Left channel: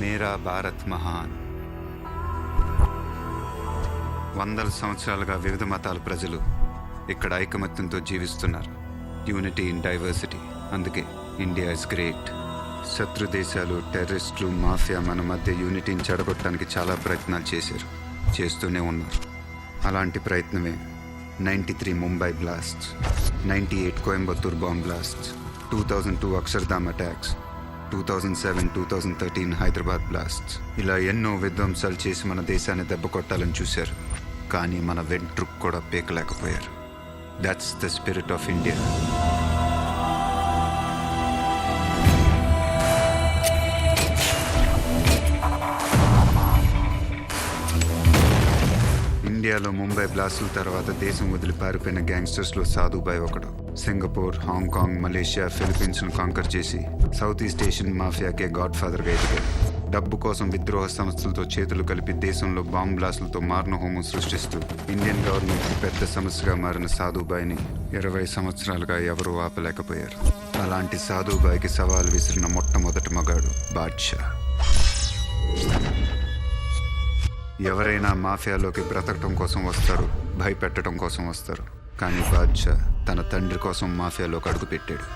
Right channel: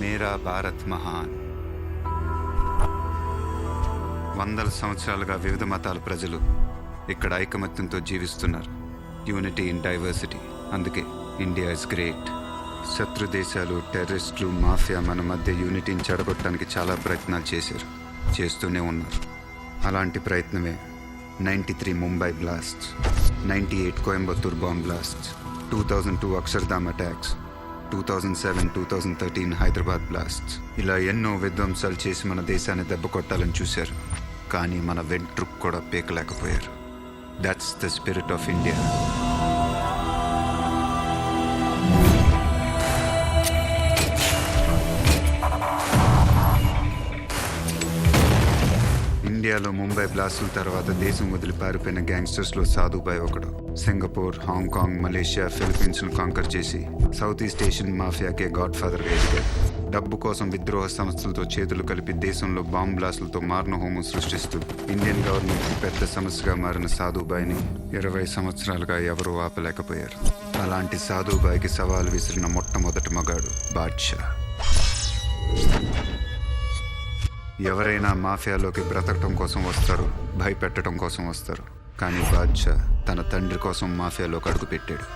మేరా భారత్ మహాన్. వందల సంవత్సరాలుగా వివిధ మతాల ప్రజలు ఇక్కడ ఐకమత్యంతో జీవిస్తున్నారు. Unity in diversity. అందుకే ఇండియా ఇస్ గ్రేట్. శత్రు దేశాలు, టెర్రరిస్టులు, మాఫియా మన మధ్య యూనిటీని చెడగొట్టడానికి చాలా ప్రయత్నాలు చేశారు, చేస్తూనే ఉన్నారు. అలాంటి ప్రయత్నమే 93 Mumbai blasts, 98 Coimbatore bomb blasts, 2002 Akshardham attacks, 2007-2013 Hyderabad blasts. ఇలా ఎన్నో విధ్వంసాలు చేసి మన దేశాన్ని దెబ్బ కొట్టాలని చూశారు, కానీ మన వెంట్రుకు కూడా పీకలేకపోయారు. That's the spirit of India. ఇండియాలో ముంబై బ్లాస్టుల తర్వాత దేశం వదిలి పారిపోయిన గ్యాంగ్స్టర్స్లో సాధుబాయ్ ఒకడు. సింగపూర్, హాంకాంగ్, మలేషియా, ఫిలిప్పీన్స్ను కాంకర్ చేసి సౌత్ ఈస్ట్ ఏషియన్ మాఫియాకే గాడ్ ఫాదర్గా ఎదిగాడు. డబ్బు కోసం విద్రోహ సంస్థలతో చేతులు కలిపి దేశంలో బాంబ్ బ్లాస్టులతో మారణహోమం సృష్టిస్తూ ఇండియన్ గవర్నమెంట్కి పెద్ద సమస్యగా మారిన సాధుబాయ్ని 20 సంవత్సరాలుగా ఎవరూ ఆపలేకపోయారు. అలాంటి సాధుబాయ్కి సవాలు విసిరిన మొట్టమొదటి మగాడు బాద్షా. ఎవరైనా మాఫియాలోకి బ్రతకటం కోసం వస్తారు, భయపెట్టడం కోసం వస్తారు. కానీ బాద్షా తన తండ్రి కోసం మాఫియాలోకి అడుగుపెట్టాడు.